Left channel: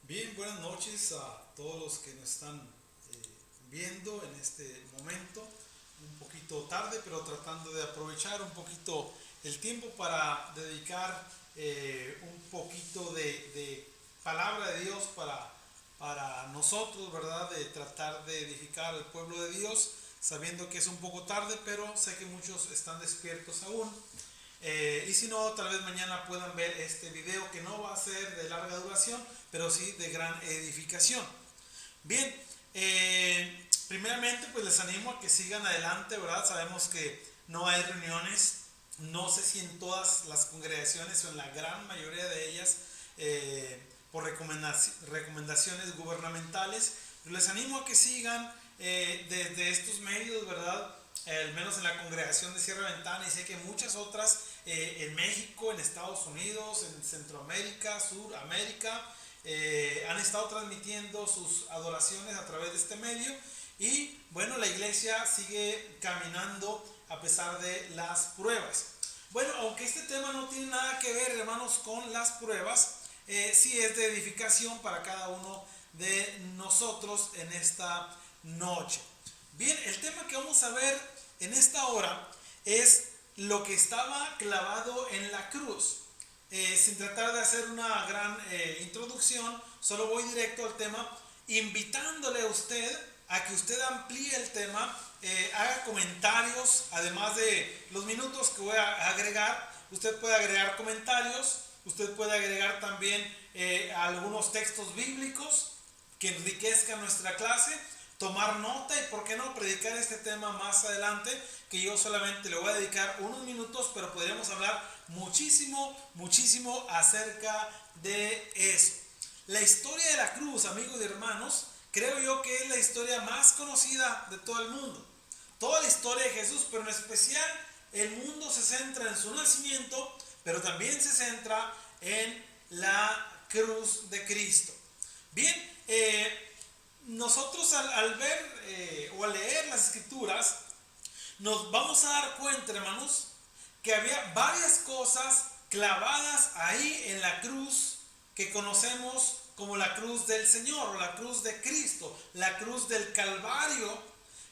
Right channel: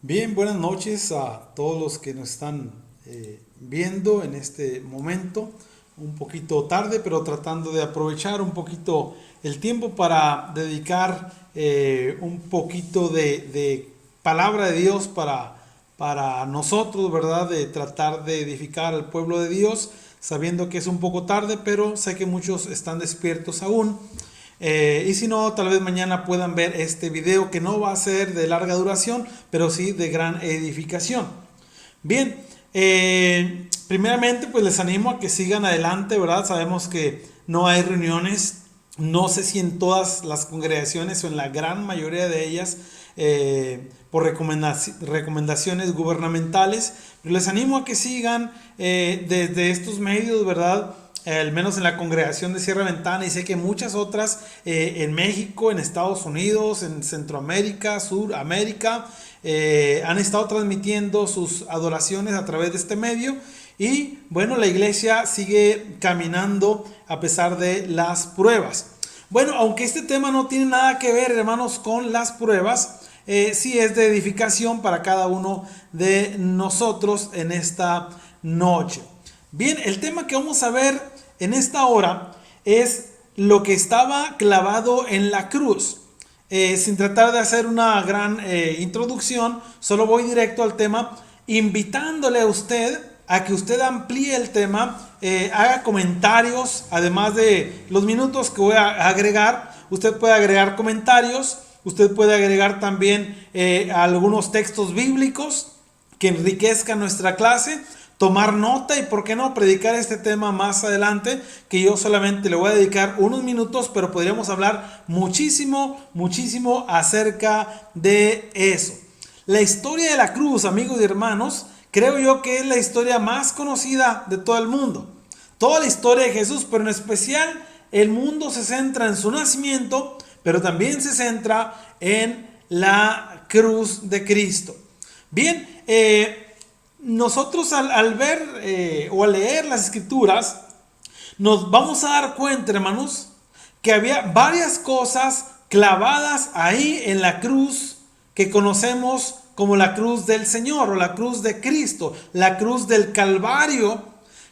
Bien, buenas noches a todos los que nos están viendo en este momento. Un poquito tarde, pero tratando de aprovechar un poquito el tiempo para dedicar un poquito de palabra de Dios para nosotros, ¿verdad? De tratar de edificar al pueblo de Dios, sabiendo que es un poco tarde, pero sé que muchos están despiertos aún. Y si no, tal vez mañana puedan ver este video que no va a ser de larga duración, pero sí de gran edificación. Bien, primeramente pues les animo a que sigan adelante, ¿verdad? Sabemos que no hay reuniones, no sé si en todas las congregaciones o en la gran mayoría de ellas por recomendaciones gubernamentales, pero les animo a que sigan desde estos medios, ¿verdad? Al menos en la congregación de Sierra Ventana, y sé que muchas otras en México, en Estados Unidos, en Centroamérica, Suramérica, han estado transmitiendo sus adoraciones a través de este medio. Y bueno, la iglesia sigue caminando a pesar de las pruebas. Bueno, aunque este tema no tiene nada que ver, hermanos, con las pruebas, sí es de edificación para cada uno de nosotros en esta noche. Bien, el tema que vamos a ver en esta hora es lo que estaba clavado en la cruz. Sin tratar de hacer una gran introducción, solo voy directo al tema, invitándole a usted a que usted amplíe el tema, haga comentarios, además de los minutos que voy a agregar. Usted puede agregar comentarios, usted puede agregar también algunos textos bíblicos que enriquezcan nuestra clase, tomar nota y, por qué no, predicar este tema más adelante, que yo solamente le voy a dedicar unos minutos, pero podríamos hablar muchísimo, muchísimo acerca de eso. La historia de la cruz, amigos y hermanos, creo yo que es la historia más conocida de todo el mundo. Toda la historia de Jesús, pero en especial el mundo se centra en su nacimiento, pero también se centra en la cruz de Cristo. Bien, nosotros al ver o al leer las escrituras, nos vamos a dar cuenta, hermanos, que había varias cosas clavadas ahí en la cruz que conocemos como la cruz del Señor o la cruz de Cristo, la cruz del Calvario,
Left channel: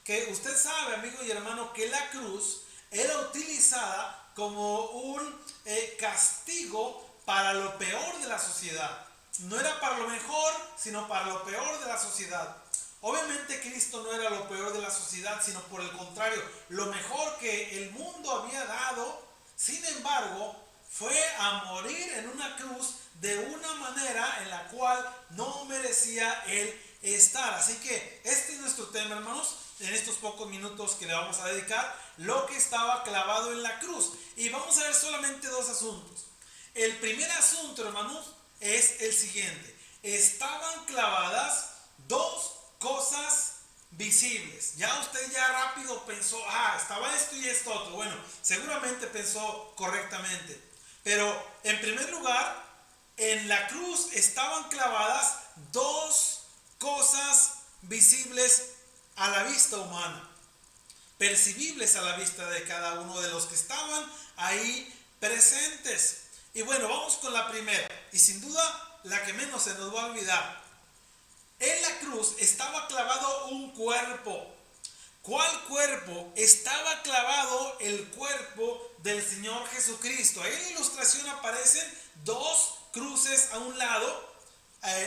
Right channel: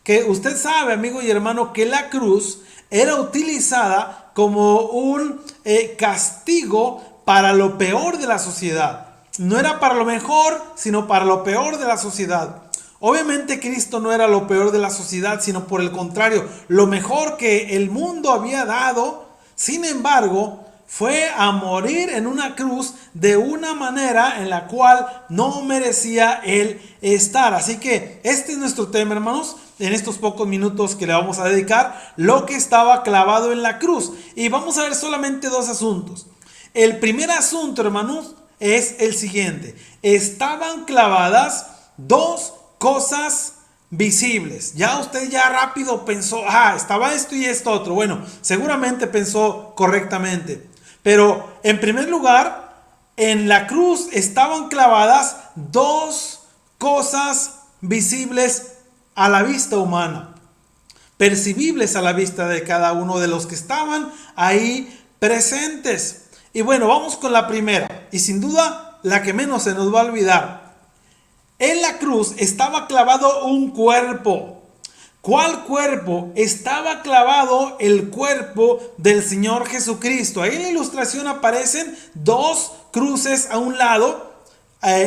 que usted sabe, amigo y hermano, que la cruz era utilizada como un castigo para lo peor de la sociedad. No era para lo mejor, sino para lo peor de la sociedad. Obviamente Cristo no era lo peor de la sociedad, sino por el contrario, lo mejor que el mundo había dado. Sin embargo, fue a morir en una cruz de una manera en la cual no merecía él estar. Así que este es nuestro tema, hermanos, en estos pocos minutos que le vamos a dedicar, lo que estaba clavado en la cruz. Y vamos a ver solamente dos asuntos. El primer asunto, hermanos, es el siguiente. Estaban clavadas dos cosas visibles. Ya usted ya rápido pensó, estaba esto y esto otro. Bueno, seguramente pensó correctamente. Pero en primer lugar, en la cruz estaban clavadas dos cosas visibles a la vista humana, percibibles a la vista de cada uno de los que estaban ahí presentes. Y bueno, vamos con la primera, y sin duda la que menos se nos va a olvidar. En la cruz estaba clavado un cuerpo. ¿Cuál cuerpo? Estaba clavado el cuerpo del Señor Jesucristo. Ahí en la ilustración aparecen dos cruces a un lado,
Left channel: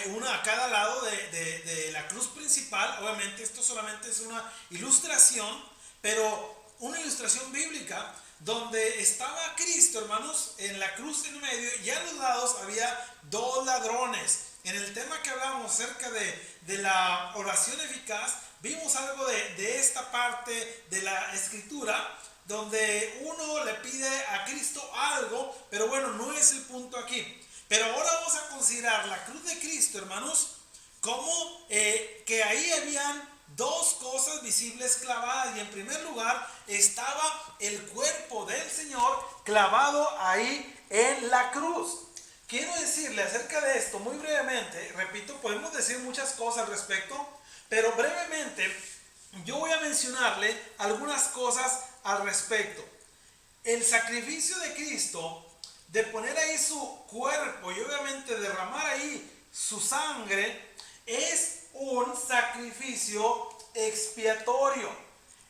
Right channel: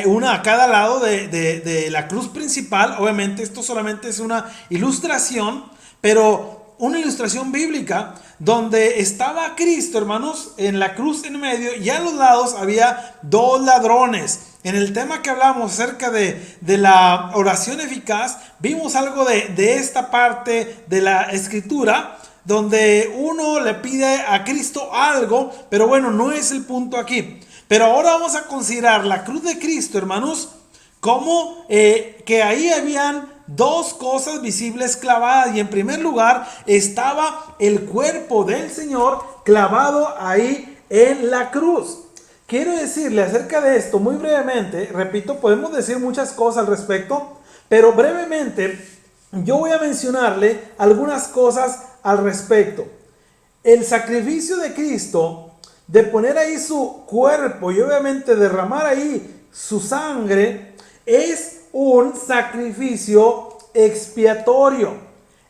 una a cada lado de la cruz principal. Obviamente esto solamente es una ilustración, pero una ilustración bíblica donde estaba Cristo, hermanos, en la cruz en medio, y a los lados había dos ladrones. En el tema que hablamos acerca de la oración eficaz, vimos algo de esta parte de la escritura, donde uno le pide a Cristo algo, pero bueno, no es el punto aquí. Pero ahora vamos a considerar la cruz de Cristo, hermanos, como que ahí habían dos cosas visibles clavadas, y en primer lugar estaba el cuerpo del Señor clavado ahí en la cruz. Quiero decirle acerca de esto muy brevemente. Repito, podemos decir muchas cosas al respecto, pero brevemente yo voy a mencionarle algunas cosas al respecto. El sacrificio de Cristo de poner ahí su cuerpo y obviamente derramar ahí su sangre, es un sacrificio expiatorio.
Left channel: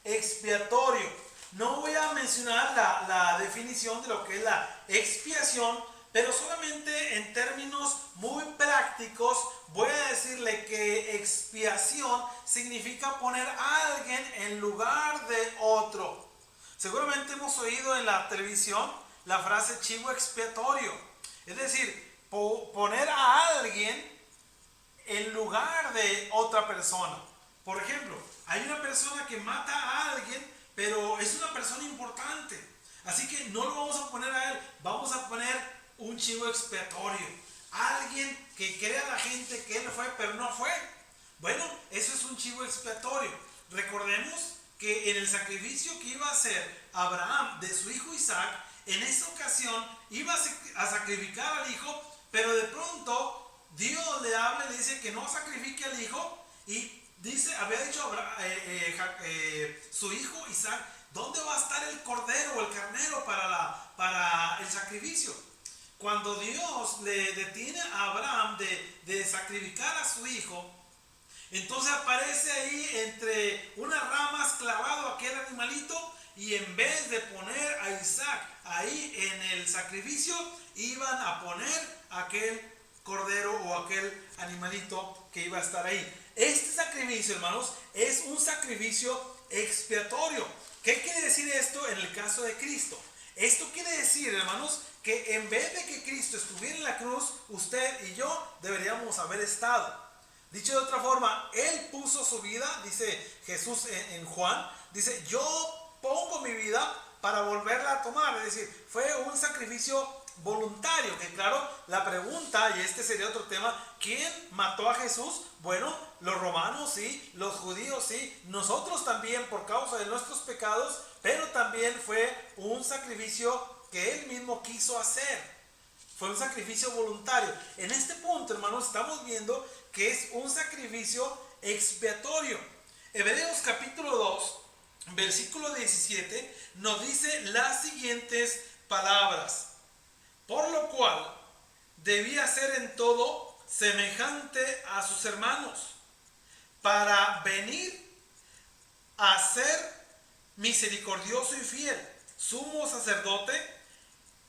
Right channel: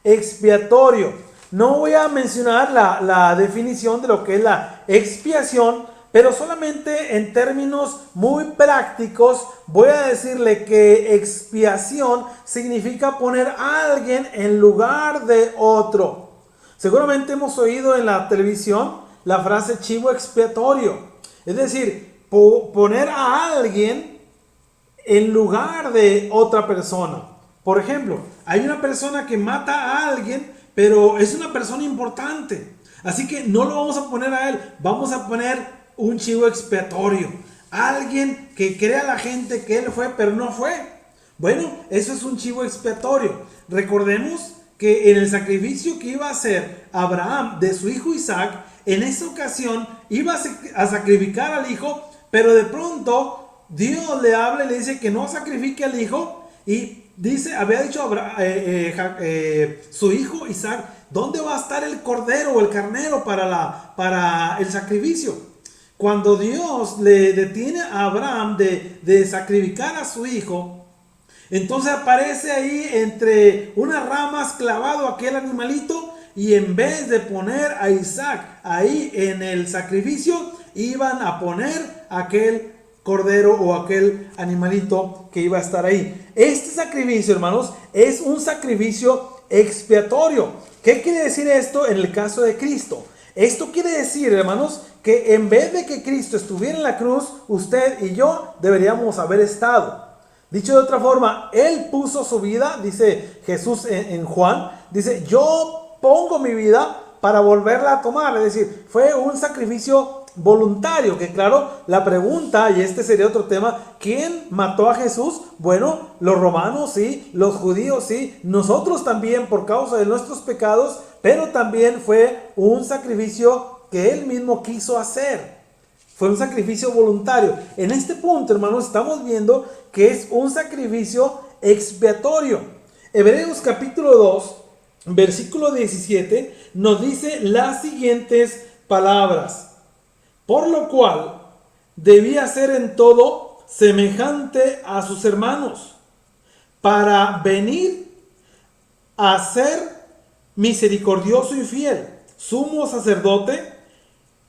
Expiatorio. No voy a mencionar la definición de lo que es la expiación, pero solamente en términos muy prácticos voy a decirle que expiación significa poner a alguien en lugar de otro. Seguramente hemos oído en la televisión la frase chivo expiatorio, es decir, poner a alguien en lugar de otra persona. Por ejemplo, hay una persona que mata a alguien, pero es una persona importante. Así que no lo vamos a poner a él, vamos a poner un chivo expiatorio. Alguien que crea a la gente que él fue, pero no fue. Bueno, eso es un chivo expiatorio. Recordemos que en el sacrificio que iba a hacer Abraham de su hijo Isaac, en esa ocasión iba a sacrificar al hijo, pero de pronto Dios le habla y le dice que no sacrifique al hijo, y dice, había dicho su hijo Isaac, ¿dónde va a estar el cordero o el carnero para el sacrificio? Cuando Dios le detiene a Abraham de sacrificar a su hijo, entonces aparece ahí entre unas ramas clavado aquel animalito, y en vez de poner a Isaac ahí en el sacrificio, iban a poner aquel cordero o aquel animalito que iba a estar ahí. Este sacrificio, hermanos, es un sacrificio expiatorio. ¿Qué quiere decir esto en el caso de Cristo? Esto quiere decir, hermanos, que en vez de que Cristo estuviera en la cruz, usted y yo deberíamos haber estado. Dicho de otra forma, Él puso su vida, dice Jesús en Juan, dice, yo pongo mi vida para volverla a tomar. Es decir, fue un sacrificio voluntario, que claro, la pregunta, y este sería otro tema, ¿quién mató a Jesús? Bueno, los romanos sí, los judíos sí, nosotros también por causa de nuestros pecados, pero también fue un sacrificio que Él mismo quiso hacer. Fue un sacrificio voluntario. En este punto, hermanos, estamos viendo que es un sacrificio expiatorio. Hebreos capítulo 2, versículo 17, nos dice las siguientes palabras. Por lo cual debía ser en todo semejante a sus hermanos, para venir a ser misericordioso y fiel, sumo sacerdote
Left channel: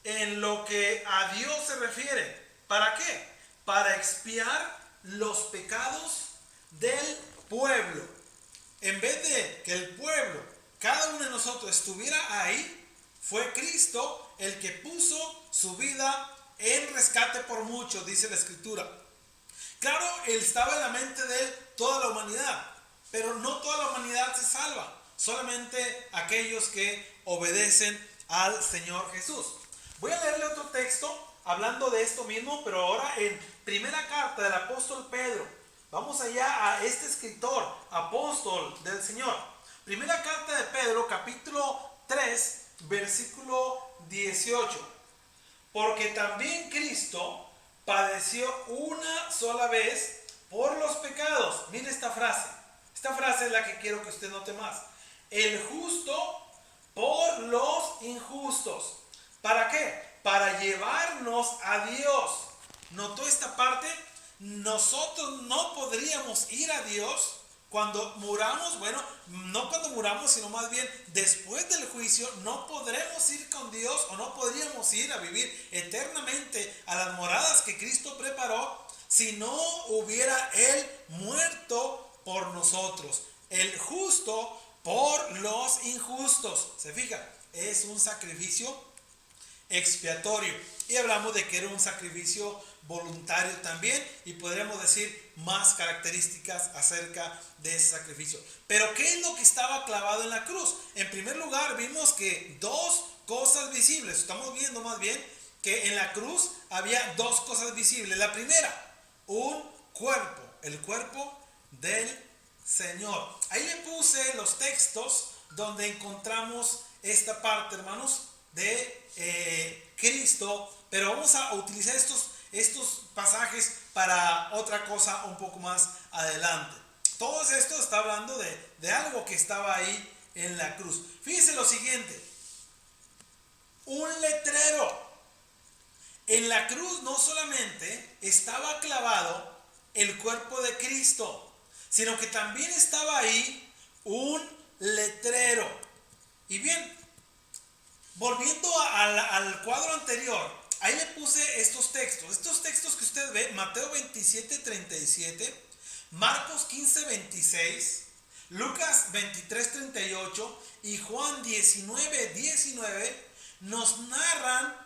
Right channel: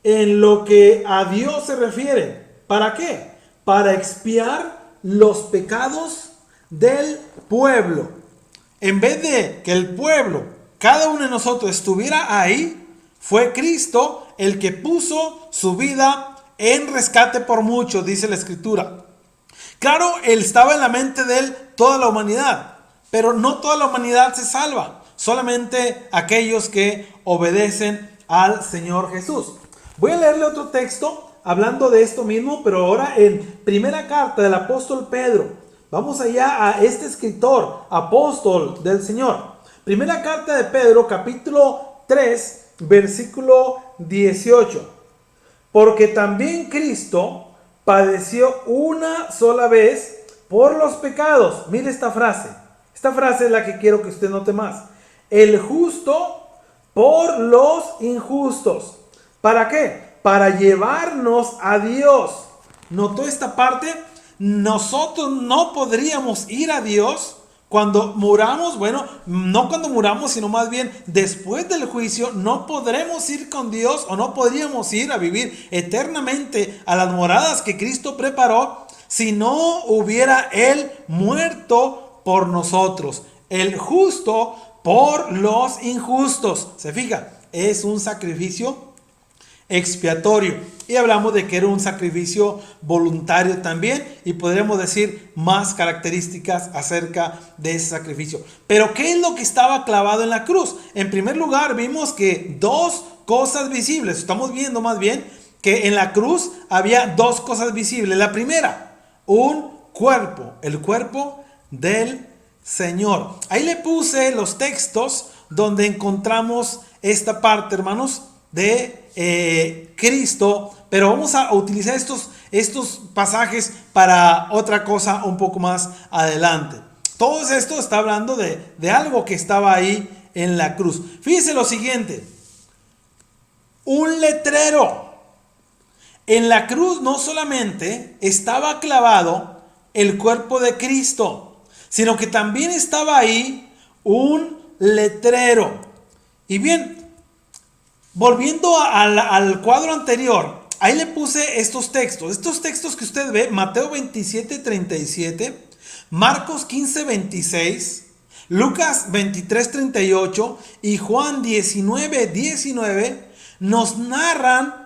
en lo que a Dios se refiere. ¿Para qué? Para expiar los pecados del pueblo. En vez de que el pueblo, cada uno de nosotros estuviera ahí, fue Cristo el que puso su vida en rescate por muchos, dice la Escritura. Claro, Él estaba en la mente de Él toda la humanidad, pero no toda la humanidad se salva, solamente aquellos que obedecen al Señor Jesús. Voy a leerle otro texto hablando de esto mismo, pero ahora en primera carta del apóstol Pedro. Vamos allá a este escritor, apóstol del Señor. Primera carta de Pedro, capítulo 3, versículo 18. Porque también Cristo padeció una sola vez por los pecados. Mire esta frase. Esta frase es la que quiero que usted note más. El justo por los injustos. ¿Para qué? Para llevarnos a Dios. ¿Notó esta parte? Nosotros no podríamos ir a Dios cuando muramos. Bueno, no cuando muramos, sino más bien después del juicio. No podremos ir con Dios, o no podríamos ir a vivir eternamente a las moradas que Cristo preparó si no hubiera Él muerto por nosotros. El justo por los injustos. ¿Se fija? Es un sacrificio expiatorio, y hablamos de que era un sacrificio voluntario también, y podríamos decir más características acerca de ese sacrificio. Pero ¿qué es lo que estaba clavado en la cruz? En primer lugar, vimos que dos cosas visibles. Estamos viendo más bien que en la cruz había dos cosas visibles. La primera, un cuerpo, el cuerpo del Señor. Ahí le puse los textos donde encontramos esta parte, hermanos, de Cristo, pero vamos a utilizar estos pasajes para otra cosa un poco más adelante. Todo esto está hablando de algo que estaba ahí en la cruz. Fíjese lo siguiente: un letrero En la cruz no solamente estaba clavado el cuerpo de Cristo, sino que también estaba ahí un letrero. Y bien, volviendo al cuadro anterior, ahí le puse estos textos que usted ve: Mateo 27:37, Marcos 15:26, Lucas 23:38 y Juan 19:19, nos narran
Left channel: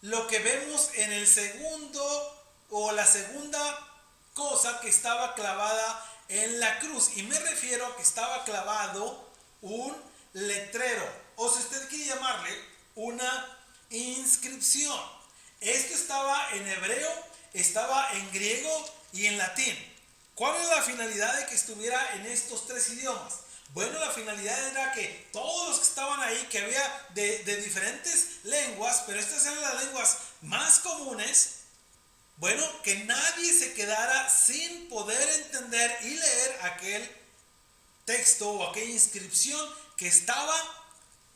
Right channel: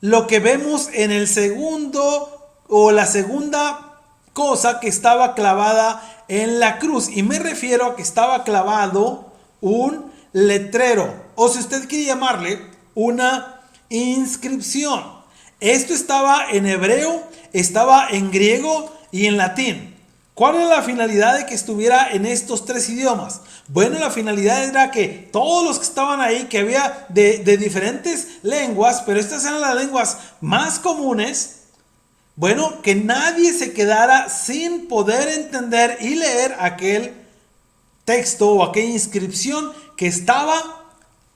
lo que vemos en el segundo o la segunda cosa que estaba clavada en la cruz. Y me refiero a que estaba clavado un letrero, o si usted quiere llamarle, una inscripción. Esto estaba en hebreo, estaba en griego y en latín. ¿Cuál era la finalidad de que estuviera en estos tres idiomas? Bueno, la finalidad era que todos los que estaban ahí, que había de diferentes lenguas, pero estas eran las lenguas más comunes, bueno, que nadie se quedara sin poder entender y leer aquel texto o aquella inscripción que estaba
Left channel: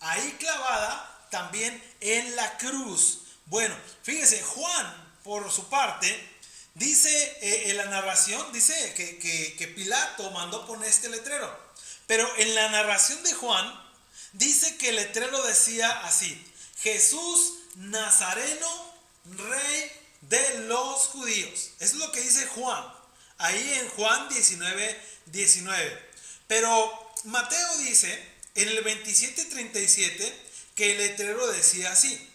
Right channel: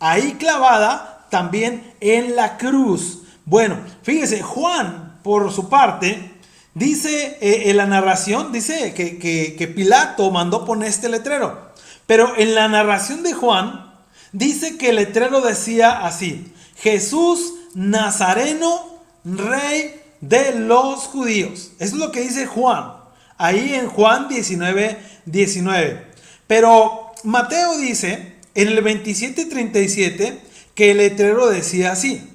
ahí clavada también en la cruz. Bueno, fíjese, Juan, por su parte, dice en la narración, dice que Pilato mandó poner este letrero. Pero en la narración de Juan, dice que el letrero decía así: Jesús Nazareno, Rey de los judíos. Eso es lo que dice Juan, ahí en Juan 19:19. Pero Mateo dice en el 27:37 que el letrero decía así:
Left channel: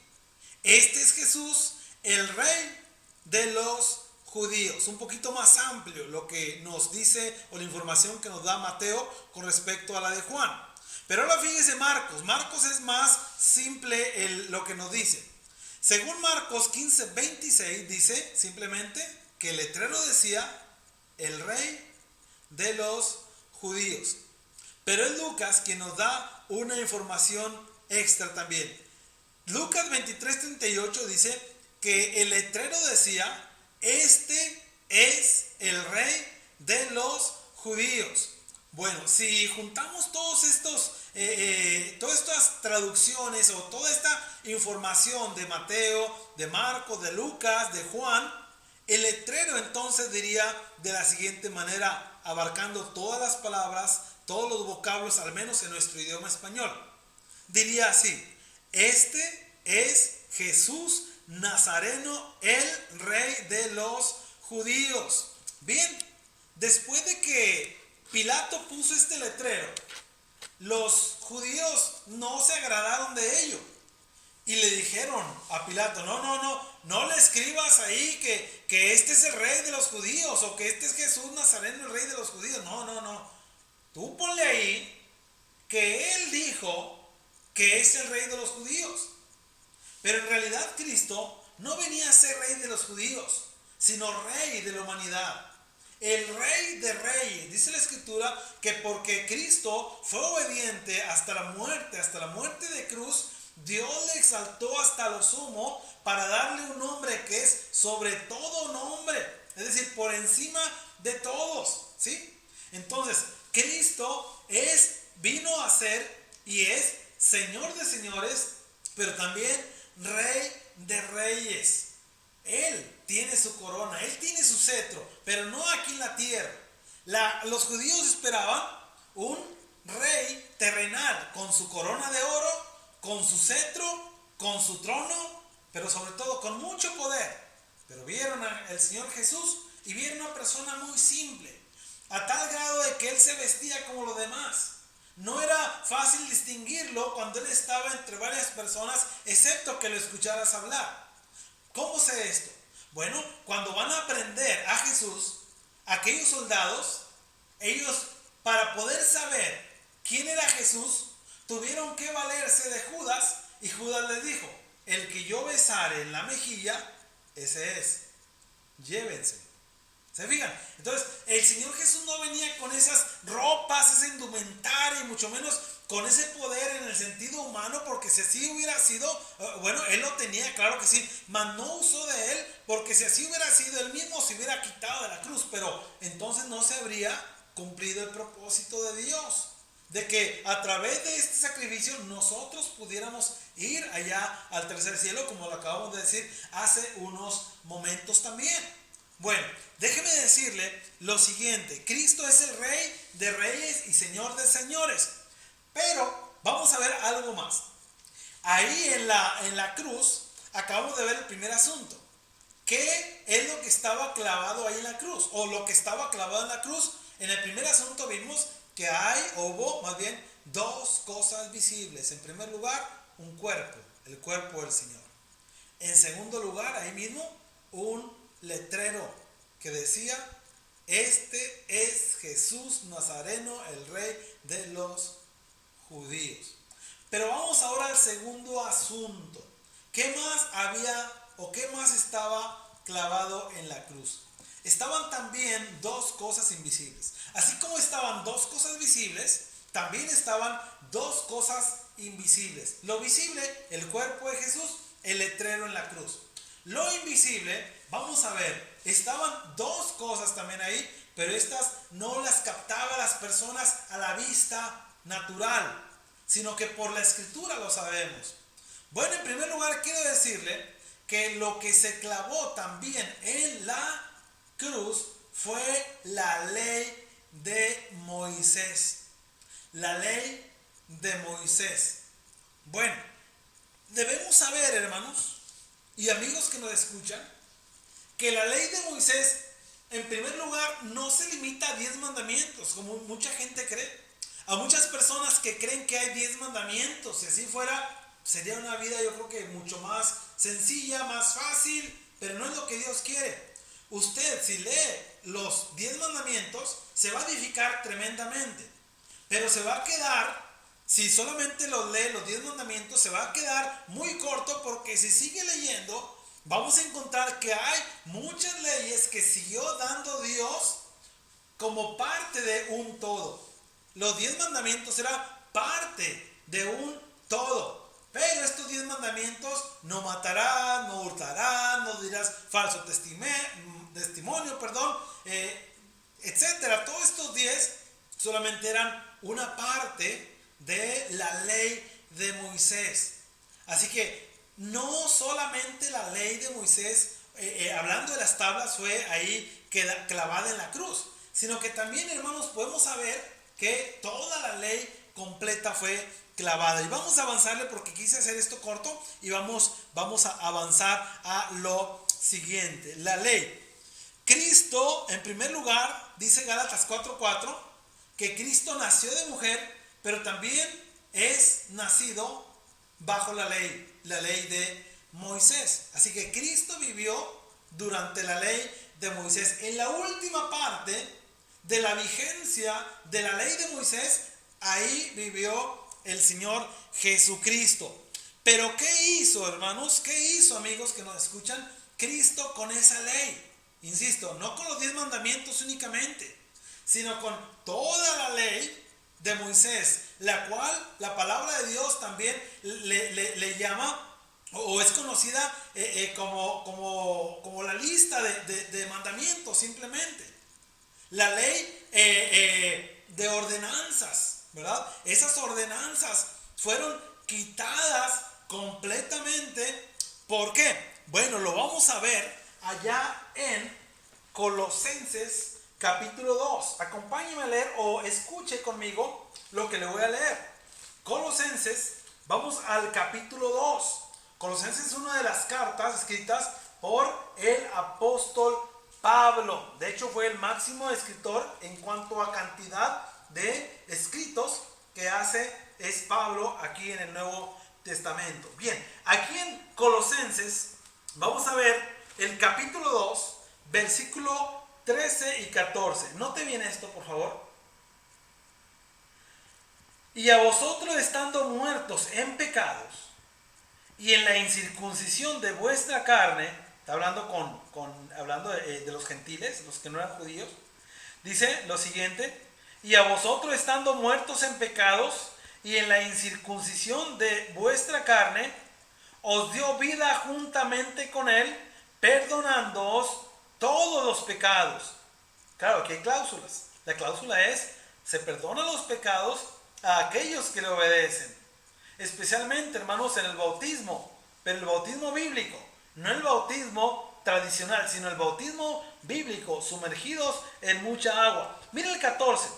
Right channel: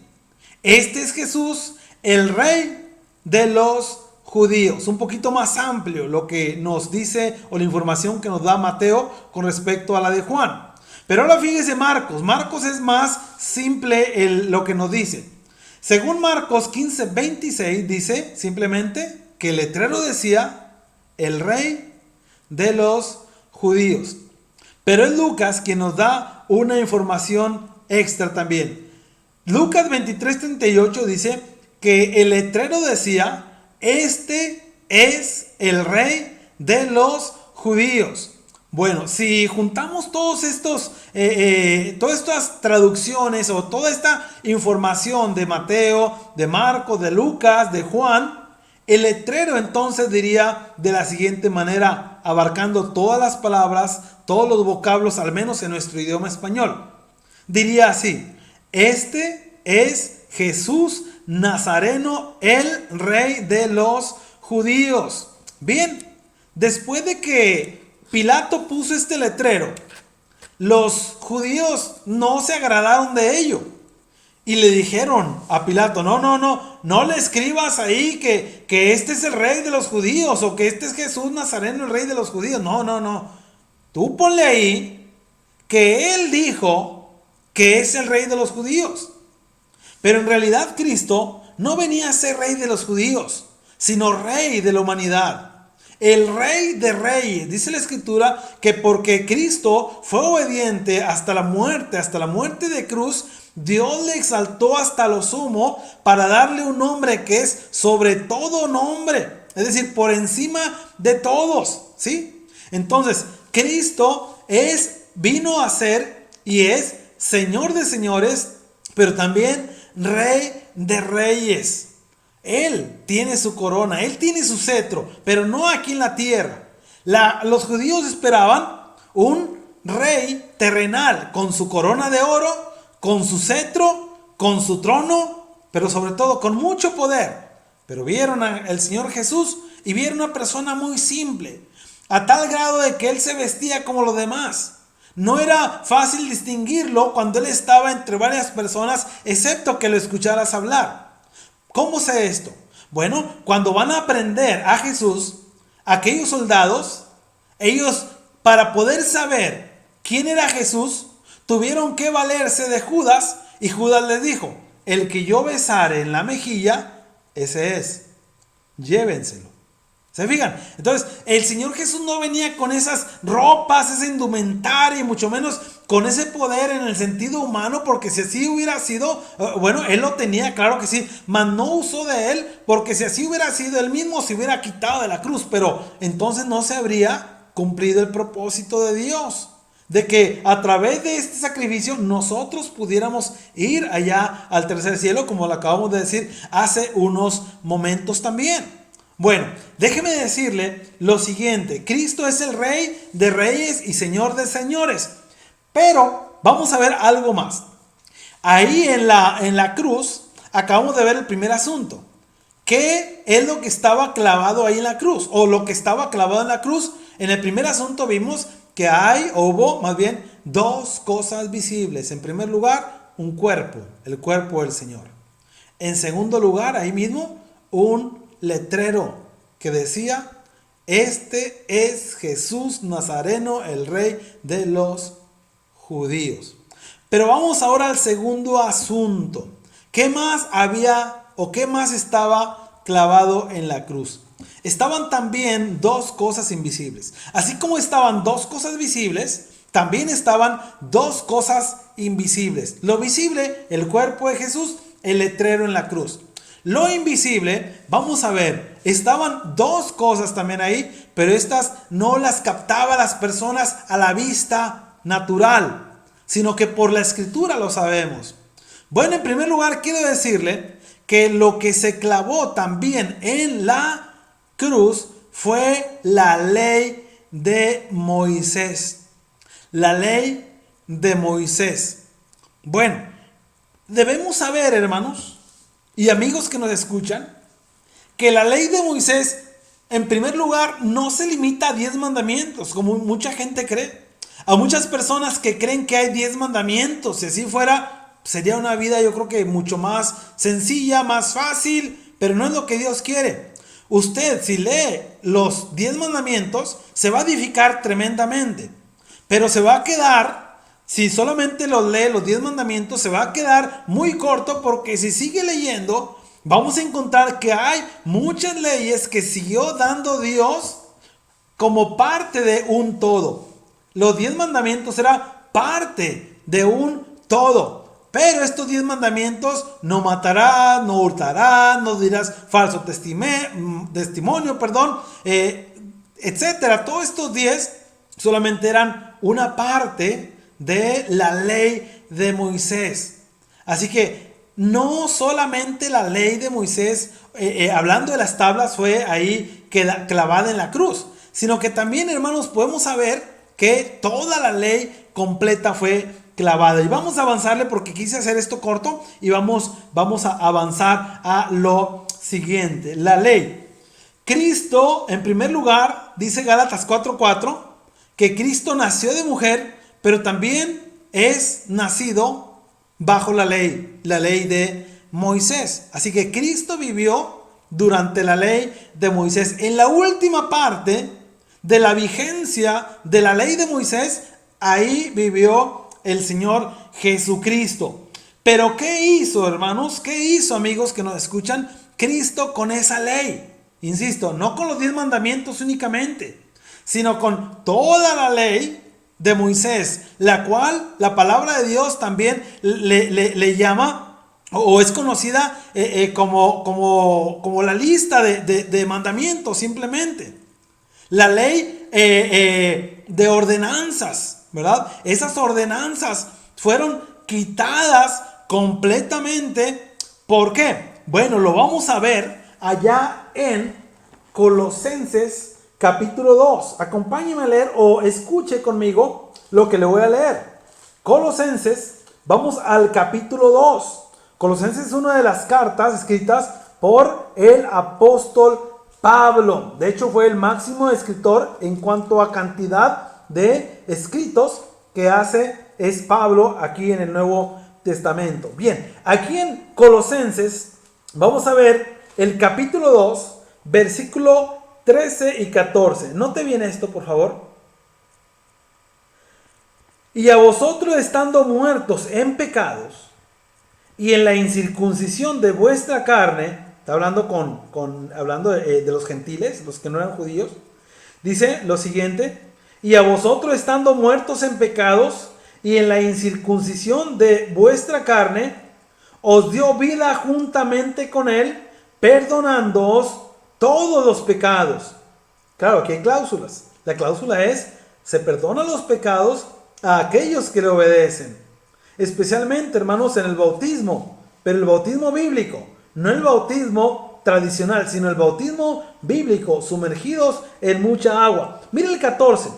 este es Jesús, el Rey de los judíos. Un poquito más amplio lo que nos dice, o la información que nos da Mateo con respecto a la de Juan. Pero ahora fíjese Marcos es más simple lo que nos dice. Según Marcos 15:26 dice simplemente que el letrero decía: el Rey de los judíos. Pero es Lucas quien nos da una información extra también. Lucas 23:38 dice que el letrero decía: este es el Rey de los judíos. Bueno, si juntamos todas estas traducciones o toda esta información de Mateo, de Marcos, de Lucas, de Juan, el letrero entonces diría de la siguiente manera, abarcando todas las palabras, todos los vocablos, al menos en nuestro idioma español. Diría así: este es Jesús Nazareno, el Rey de los judíos. Bien, después de que Pilato puso este letrero, los judíos no se agradaron de ello y le dijeron a Pilato: no le escribas ahí que este es el Rey de los judíos, o que este es Jesús Nazareno, el Rey de los judíos. No, tú ponle ahí que él dijo que es el Rey de los judíos. Pero en realidad Cristo no venía a ser Rey de los judíos, sino Rey de la humanidad. El Rey de Reyes. Dice la Escritura que porque Cristo fue obediente hasta la muerte de cruz, Dios le exaltó hasta lo sumo para darle un nombre que es sobre todo nombre. Es decir, por encima de todos, ¿sí? Entonces, Cristo vino a ser y es Señor de señores, pero también Rey de reyes. Él tiene su corona, Él tiene su cetro, pero no aquí en la tierra. Los judíos esperaban un rey terrenal con su corona de oro, con su cetro, con su trono, pero sobre todo con mucho poder. Pero vieron al Señor Jesús y vieron una persona muy simple, a tal grado de que Él se vestía como los demás. No era fácil distinguirlo cuando Él estaba entre varias personas, excepto que lo escucharas hablar. ¿Cómo sé esto? Bueno, cuando van a prender a Jesús, aquellos soldados, ellos, para poder saber quién era Jesús, tuvieron que valerse de Judas, y Judas les dijo: el que yo besare en la mejilla, ese es, llévenselo. ¿Se fijan? Entonces, el Señor Jesús no venía con esas ropas, esa indumentaria, y mucho menos con ese poder en el sentido humano, porque si así hubiera sido, bueno, Él lo tenía, claro que sí, mas no usó de Él, porque si así hubiera sido, Él mismo se hubiera quitado de la cruz, pero entonces no se habría cumplido el propósito de Dios. de que a través de este sacrificio nosotros pudiéramos ir allá al tercer cielo, como lo acabamos de decir hace unos momentos también. Bueno, déjeme decirle lo siguiente: Cristo es el Rey de reyes y Señor de señores. Pero vamos a ver algo más. Ahí en la cruz acabamos de ver el primer asunto. ¿Qué es lo que estaba clavado ahí en la cruz? O lo que estaba clavado en la cruz. En el primer asunto vimos que hubo más bien dos cosas visibles. En primer lugar, un cuerpo, el cuerpo del Señor. En segundo lugar, ahí mismo, un letrero que decía: este es Jesús Nazareno, el Rey de los judíos. Pero vamos ahora al segundo asunto. ¿Qué más había o qué más estaba clavado en la cruz? Estaban también dos cosas invisibles. Así como estaban dos cosas visibles, también estaban dos cosas invisibles. Lo visible, el cuerpo de Jesús; el letrero en la cruz. Lo invisible, vamos a ver, estaban dos cosas también ahí, pero estas no las captaban las personas a la vista natural, sino que por la escritura lo sabemos. Bueno, en primer lugar quiero decirle que lo que se clavó también en la cruz fue la ley de Moisés. La ley de Moisés. Bueno, debemos saber, hermanos y amigos que nos escuchan, que la ley de Moisés, en primer lugar, no se limita a 10 mandamientos, como mucha gente cree. A muchas personas que creen que hay 10 mandamientos. Si así fuera, sería una vida, yo creo que mucho más sencilla, más fácil, pero no es lo que Dios quiere. Usted, si lee los 10 mandamientos, se va a edificar tremendamente, pero se va a quedar, si solamente los lee los 10 mandamientos, se va a quedar muy corto, porque si sigue leyendo, vamos a encontrar que hay muchas leyes que siguió dando Dios como parte de un todo. Los 10 mandamientos eran parte de un todo. Pero estos 10 mandamientos: no matarás, no hurtarás, no dirás falso testimonio, etcétera. Todos estos 10 solamente eran una parte de la ley de Moisés. Así que no solamente la ley de Moisés, hablando de las tablas, fue ahí clavada en la cruz, sino que también, hermanos, podemos saber que toda la ley completa fue clavada. Y vamos a avanzarle, porque quise hacer esto corto, y vamos a avanzar a lo siguiente. La ley. Cristo, en primer lugar, dice Gálatas 4:4, que Cristo nació de mujer, pero también es nacido bajo la ley de Moisés. Así que Cristo vivió durante la ley de Moisés. En la última parte de la vigencia de la ley de Moisés, ahí vivió el Señor Jesucristo. Pero ¿qué hizo, hermanos? ¿Qué hizo, amigos que nos escuchan, Cristo con esa ley? Insisto, no con los 10 mandamientos únicamente, sino con toda la ley de Moisés, la cual la palabra de Dios también le llama, o es conocida como la lista de mandamientos, simplemente. La ley de ordenanzas, ¿verdad? Esas ordenanzas fueron quitadas completamente. ¿Por qué? Bueno, lo vamos a ver allá en Colosenses capítulo 2. Acompáñeme a leer, o escuche conmigo lo que le voy a leer. Colosenses, vamos al capítulo 2. Colosenses es una de las cartas escritas por el apóstol Pablo. De hecho, fue el máximo escritor en cuanto a cantidad de escritos que hace es Pablo aquí en el Nuevo Testamento. Bien, aquí en Colosenses vamos a ver el capítulo 2, versículo 13 y 14. Note bien esto, por favor. Y a vosotros, estando muertos en pecados y en la incircuncisión de vuestra carne, está hablando hablando de los gentiles, los que no eran judíos, dice lo siguiente: y a vosotros, estando muertos en pecados y en la incircuncisión de vuestra carne, os dio vida juntamente con él, perdonándoos todos los pecados. Claro, aquí hay cláusulas. La cláusula es: se perdonan los pecados, a aquellos que le obedecen. Especialmente, hermanos, en el bautismo, pero el bautismo bíblico, no el bautismo tradicional, sino el bautismo bíblico, sumergidos en mucha agua. Mire el 14,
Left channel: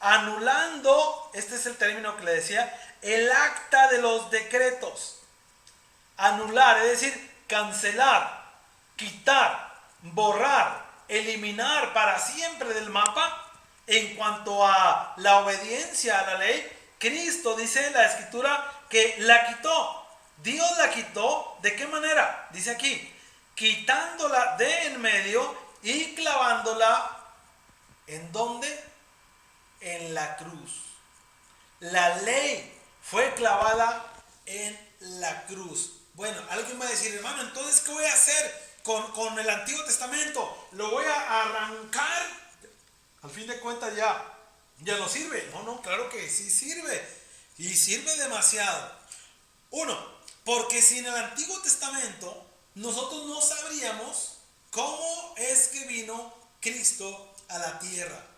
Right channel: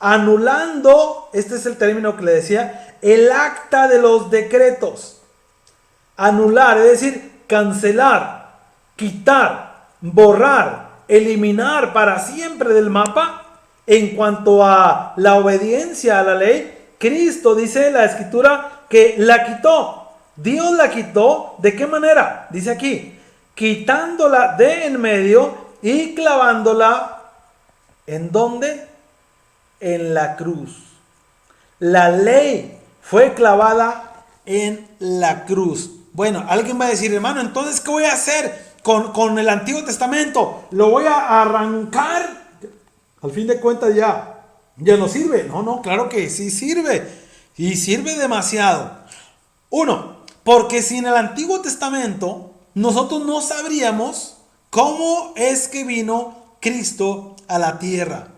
anulando, este es el término que le decía, el acta de los decretos. Anular, es decir, cancelar, quitar, borrar, eliminar para siempre del mapa. En cuanto a la obediencia a la ley, Cristo, dice la Escritura, que la quitó. Dios la quitó. ¿De qué manera? Dice aquí, quitándola de en medio y clavándola, ¿en dónde? En la cruz. La ley fue clavada en la cruz. Bueno, alguien va a decir, hermano, entonces, ¿qué voy a hacer con el Antiguo Testamento? ¿Lo voy a arrancar? Al fin de cuentas ya no sirve. No, claro que sí sirve. Y sirve demasiado. Uno, porque sin el Antiguo Testamento nosotros no sabríamos cómo es que vino Cristo a la tierra.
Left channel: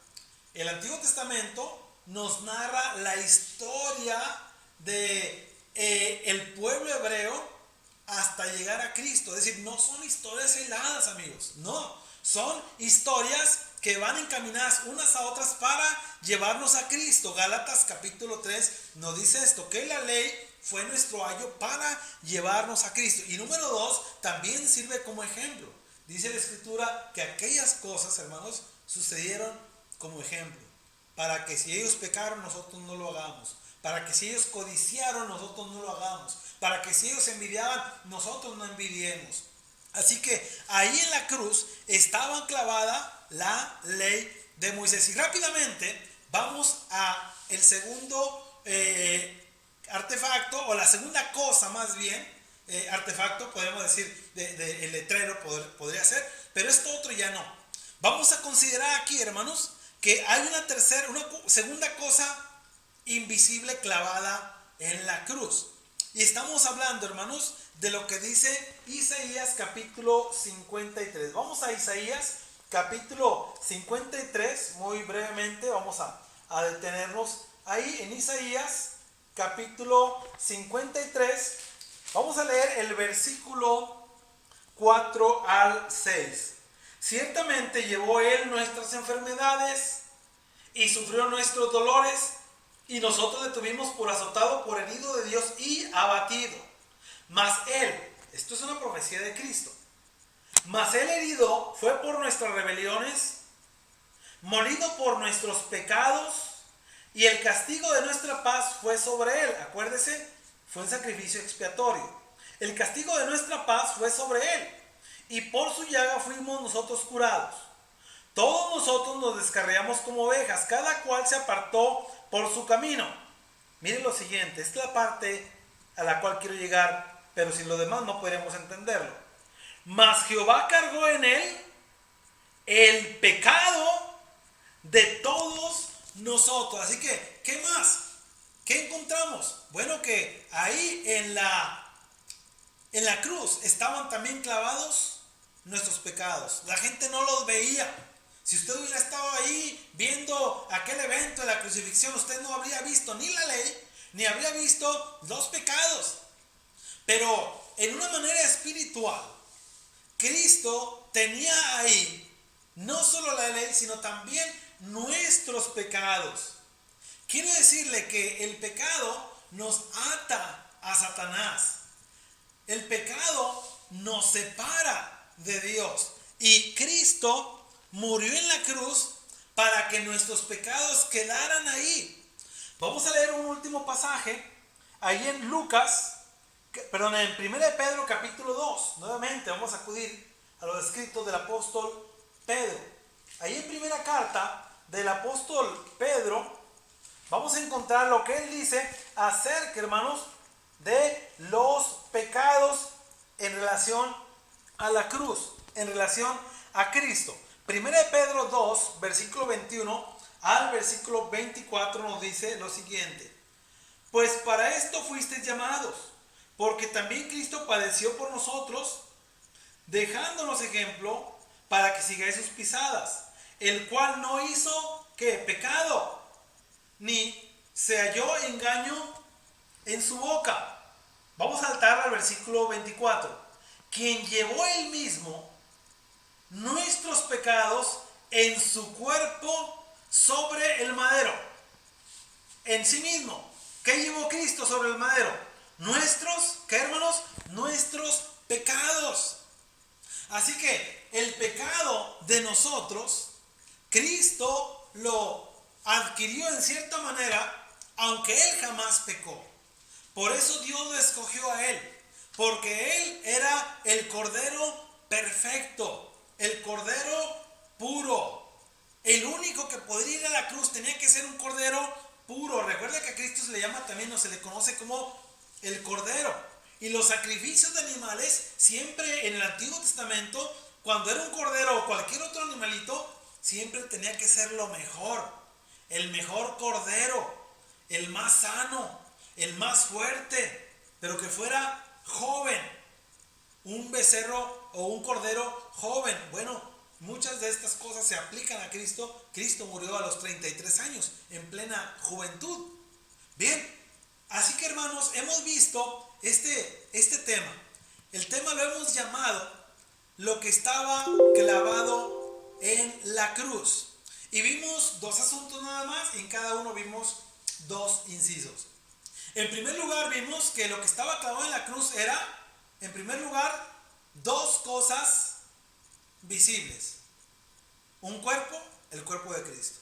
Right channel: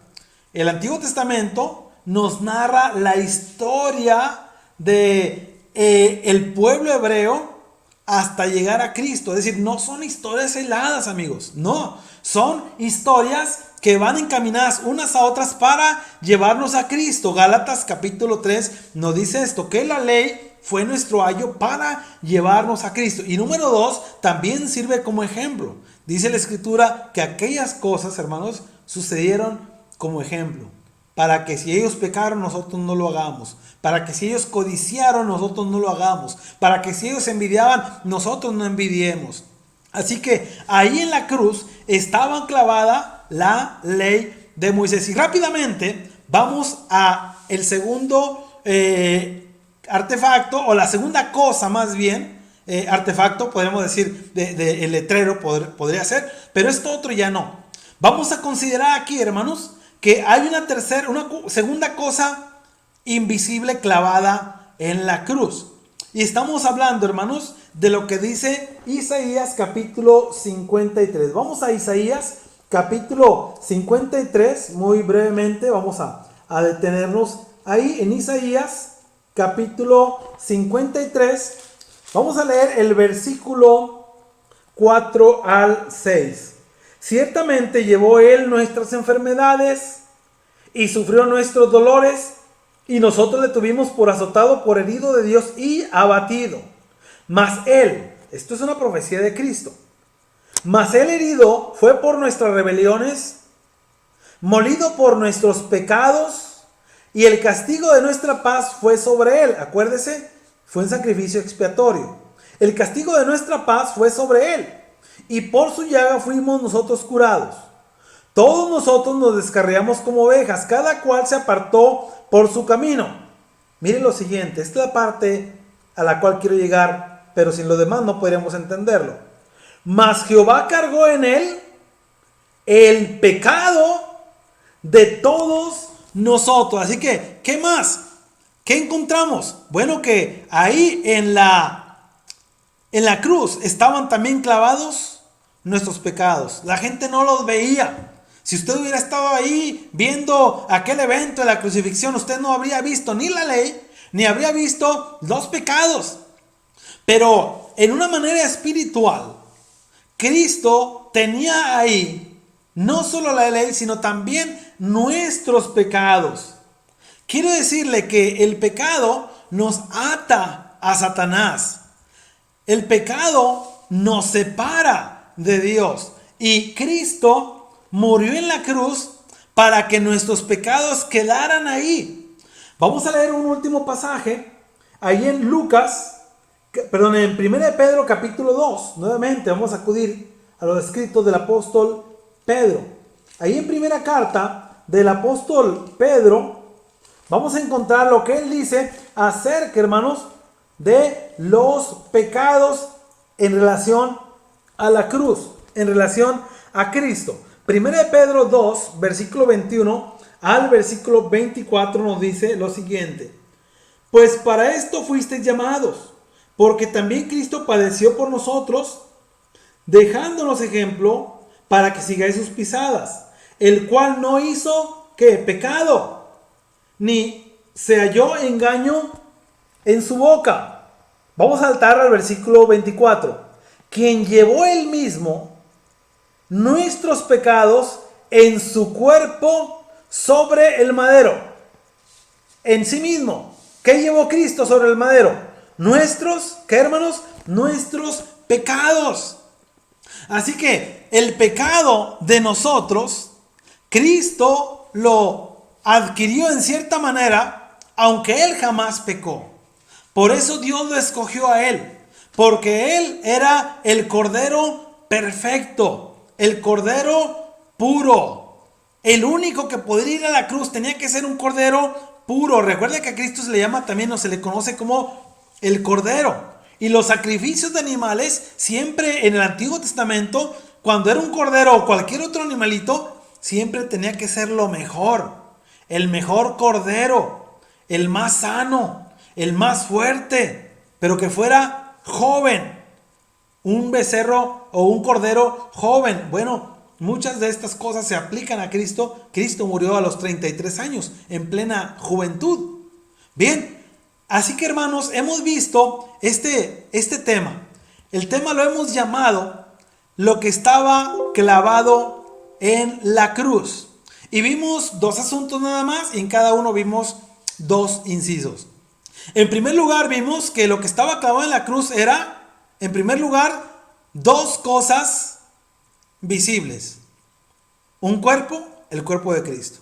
El Antiguo Testamento nos narra la historia de el pueblo hebreo hasta llegar a Cristo. Es decir, no son historias aisladas, amigos. No, son historias que van encaminadas unas a otras para llevarnos a Cristo. Gálatas capítulo 3 nos dice esto, que la ley fue nuestro ayo para llevarnos a Cristo. Y número 2, también sirve como ejemplo. Dice la Escritura que aquellas cosas, hermanos, sucedieron como ejemplo. Para que si ellos pecaron, nosotros no lo hagamos. Para que si ellos codiciaron, nosotros no lo hagamos. Para que si ellos envidiaban, nosotros no envidiemos. Así que ahí en la cruz estaba clavada la ley de Moisés. Y rápidamente vamos a el segundo artefacto, o la segunda cosa más bien, artefacto, podemos decir, el letrero podría ser, pero esto otro ya no. Vamos a considerar aquí, hermanos, que hay una segunda cosa invisible clavada en la cruz. Y estamos hablando, hermanos, de lo que dice Isaías capítulo 53. Vamos a Isaías capítulo 53, muy brevemente, vamos a detenernos ahí en Isaías capítulo 53. Vamos a leer el versículo 4 al 6. Ciertamente llevó él nuestras enfermedades y sufrió nuestros dolores, y nosotros le tuvimos por azotado, por herido de Dios y abatido. Mas él, esto es una profecía de Cristo, mas él herido fue por nuestras rebeliones, molido por nuestros pecados, y el castigo de nuestra paz fue sobre él. Acuérdese, fue un sacrificio expiatorio. El castigo de nuestra paz fue sobre él, y por su llaga fuimos nosotros curados. Todos nosotros nos descarriamos como ovejas, cada cual se apartó por su camino. Miren lo siguiente, esta es la parte a la cual quiero llegar, pero sin lo demás no podríamos entenderlo. Mas Jehová cargó en él el pecado de todos nosotros. Así que, ¿qué más? ¿Qué encontramos? Bueno, que ahí en la cruz estaban también clavados nuestros pecados. La gente no los veía. Si usted hubiera estado ahí viendo aquel evento de la crucifixión, usted no habría visto ni la ley, ni habría visto los pecados. Pero en una manera espiritual, Cristo tenía ahí no solo la ley, sino también nuestros pecados. Quiero decirle que el pecado nos ata a Satanás. El pecado nos separa de Dios. Y Cristo murió en la cruz para que nuestros pecados quedaran ahí. Vamos a leer un último pasaje ahí en en 1 Pedro capítulo 2. Nuevamente vamos a acudir a los escritos del apóstol Pedro. Ahí en primera carta del apóstol Pedro vamos a encontrar lo que él dice acerca, hermanos, de los pecados en relación a la cruz, en relación a Cristo. 1 Pedro 2, versículo 21 al versículo 24 nos dice lo siguiente: pues para esto fuisteis llamados, porque también Cristo padeció por nosotros, dejándonos ejemplo para que sigáis sus pisadas, el cual no hizo ¿qué? Pecado, ni se halló engaño en su boca. Vamos a saltar al versículo 24. Quien llevó él mismo nuestros pecados en su cuerpo sobre el madero. En sí mismo. ¿Qué llevó Cristo sobre el madero? Nuestros, ¿qué hermanos? Nuestros pecados. Así que el pecado de nosotros, Cristo lo adquirió en cierta manera, aunque Él jamás pecó. Por eso Dios lo escogió a Él, porque Él era el Cordero perfecto, el Cordero puro. El único que podría ir a la cruz tenía que ser un Cordero puro. Recuerda que a Cristo se le llama también, o se le conoce como el Cordero. Y los sacrificios de animales, siempre en el Antiguo Testamento, cuando era un cordero o cualquier otro animalito, siempre tenía que ser lo mejor. El mejor cordero, el más sano, el más fuerte, pero que fuera joven. Un becerro o un cordero joven. Bueno, muchas de estas cosas se aplican a Cristo. Cristo murió a los 33 años, en plena juventud. Bien, así que hermanos, hemos visto este tema. El tema lo hemos llamado lo que estaba clavado en la cruz. Y vimos dos asuntos nada más, y en cada uno vimos dos incisos. En primer lugar, vimos que lo que estaba clavado en la cruz era, en primer lugar, dos cosas visibles. Un cuerpo, el cuerpo de Cristo.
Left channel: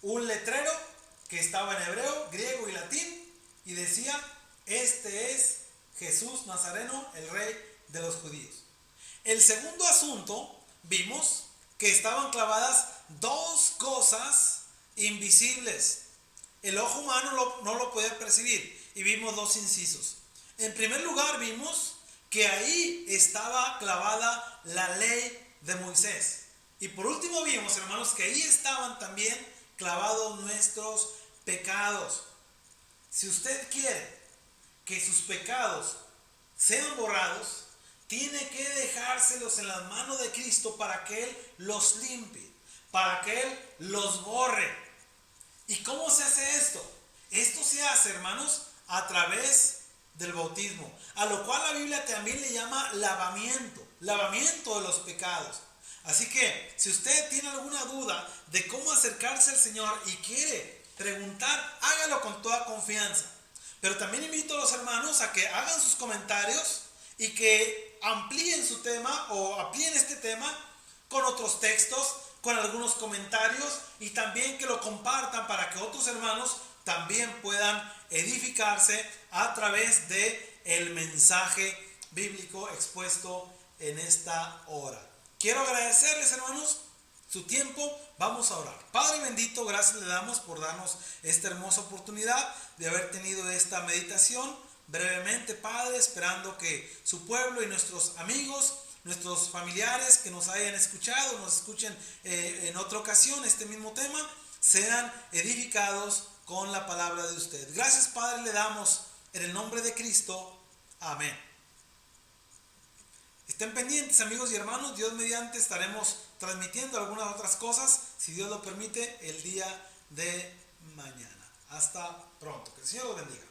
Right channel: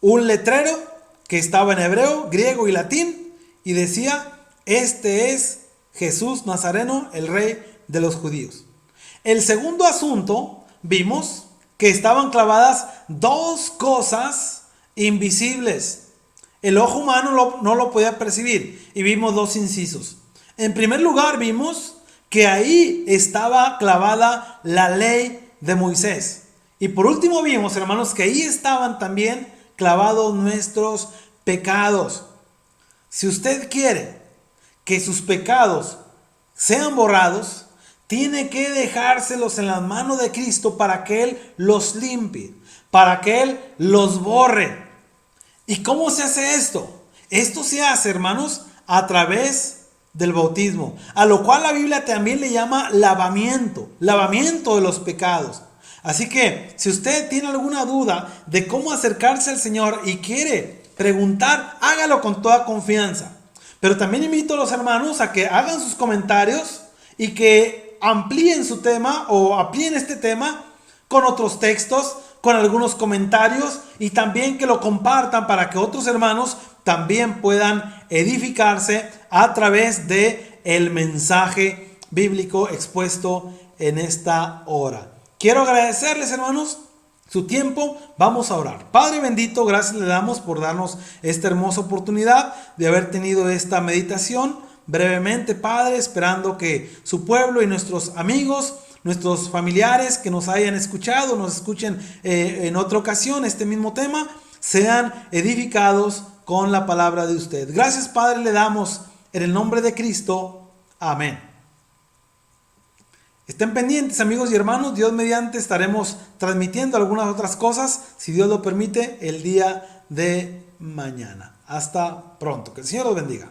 Un letrero que estaba en hebreo, griego y latín, y decía: este es Jesús Nazareno, el rey de los judíos. El segundo asunto, vimos que estaban clavadas dos cosas invisibles. El ojo humano no lo podía percibir, y vimos dos incisos. En primer lugar, vimos que ahí estaba clavada la ley de Moisés. Y por último vimos, hermanos, que ahí estaban también clavados nuestros pecados. Si usted quiere que sus pecados sean borrados, tiene que dejárselos en las manos de Cristo para que Él los limpie, para que Él los borre. ¿Y cómo se hace esto? Esto se hace, hermanos, a través del bautismo, a lo cual la Biblia también le llama lavamiento de los pecados. Así que si usted tiene alguna duda de cómo acercarse al Señor y quiere preguntar, hágalo con toda confianza. Pero también invito a los hermanos a que hagan sus comentarios y que amplíen su tema o amplíen este tema con otros textos, con algunos comentarios, y también que lo compartan para que otros hermanos también puedan edificarse a través de el mensaje bíblico expuesto en esta hora. Quiero agradecerles, hermanos, su tiempo. Vamos a orar. Padre bendito, gracias le damos por darnos esta hermosa oportunidad de haber tenido esta meditación brevemente, Padre, esperando que su pueblo y nuestros amigos, nuestros familiares que nos hayan escuchado, nos escuchen en otra ocasión este mismo tema, sean edificados con la palabra de usted. Gracias, Padre, le damos en el nombre de Cristo. Amén. Estén pendientes, amigos y hermanos. Dios mediante estaremos transmitiendo algunas otras cosas, si Dios lo permite, el día de mañana. Hasta pronto. Que el Señor los bendiga.